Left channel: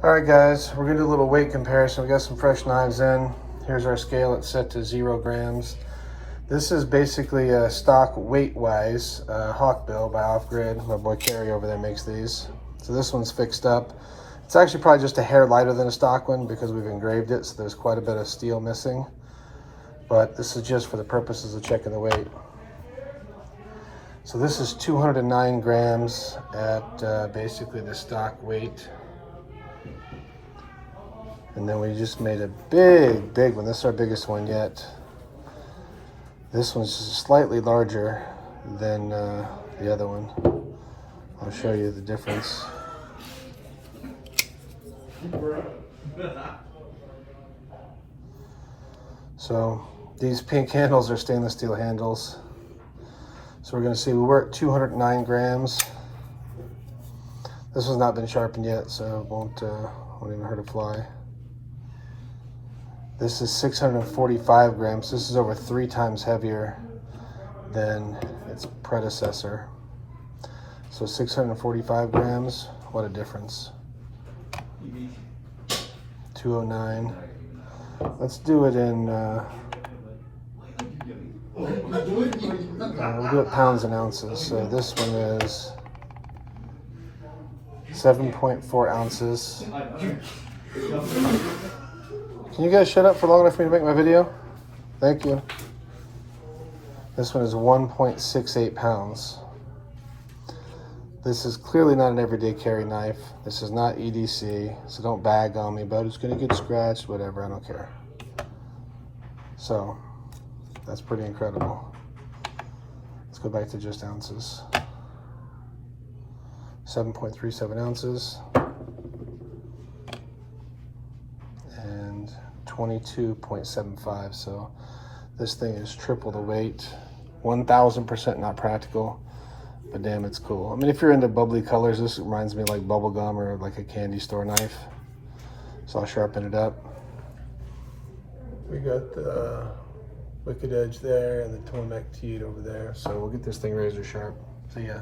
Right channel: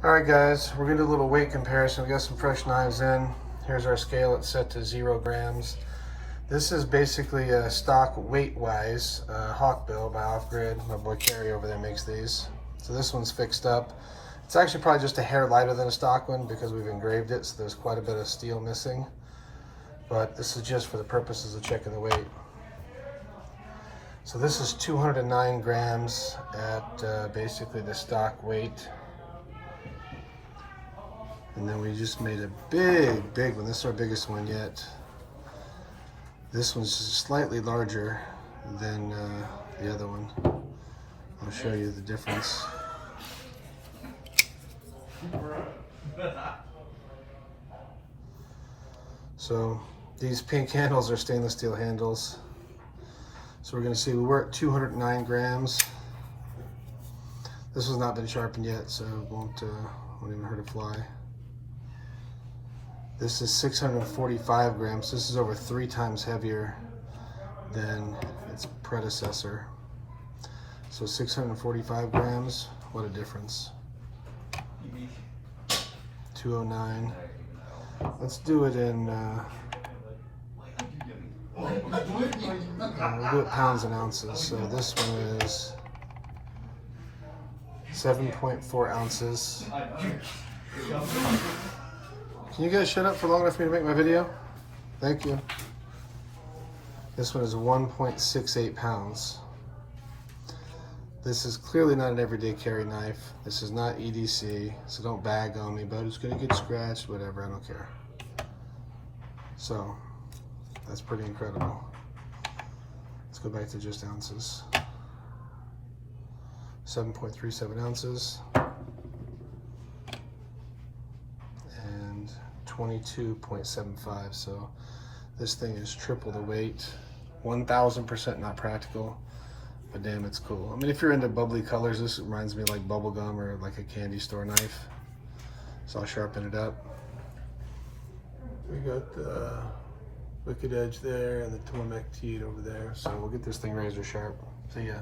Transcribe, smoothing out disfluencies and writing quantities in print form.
All right, guys, we're gonna do a little weight comparison. We got some fresh knives in. Here's our scale. It's set to 0 grams. This is basically a stock weight-wise Hawkbill by Off Grid. My boy Kerry over there makes these. So this one's fixed up. It's actually probably just a hair lighter than a stock one because we've engraved it, so there's quite a bit of steel missing. But this is just for the purposes of checking the weight. So this is 209 grams at basically the stock weight. And then we just made a big one. This is our biggest one yet. This one's slightly larger than the other one. I'll show you the difference. So these pink handles are stainless steel handles. So we're gonna see we were at 209 grams. This one's not been sharpened yet, so it won't even hurt a fly. This is 645 grams. This is over 3 times heavier than its predecessor. So 645 grams, what a difference. 209. Let's do it in, we'll do it pounds and ounces. So this one is 7.4 ounces. Can you guys shut up for long enough for me to make my video? Thank you. This one is 1.68 pounds. This is clearly not an everyday carry knife. This is not EDC, so don't bag on me, but it's gonna get scratched, whatever, I don't care. So, that's pretty incredible. Let's go back to just ounces. 7.37 ounces. 22.75, so this thing is triple the weight. 1000% not practical, but damn, it's cool. I mean, if you're into bubbly colors, this reminds me of like bubble gum or like a candy store knife. So I'll sharpen it up. We got the wicked edge there and the Tormek teed over there, so we'll get this thing razor sharp. See ya.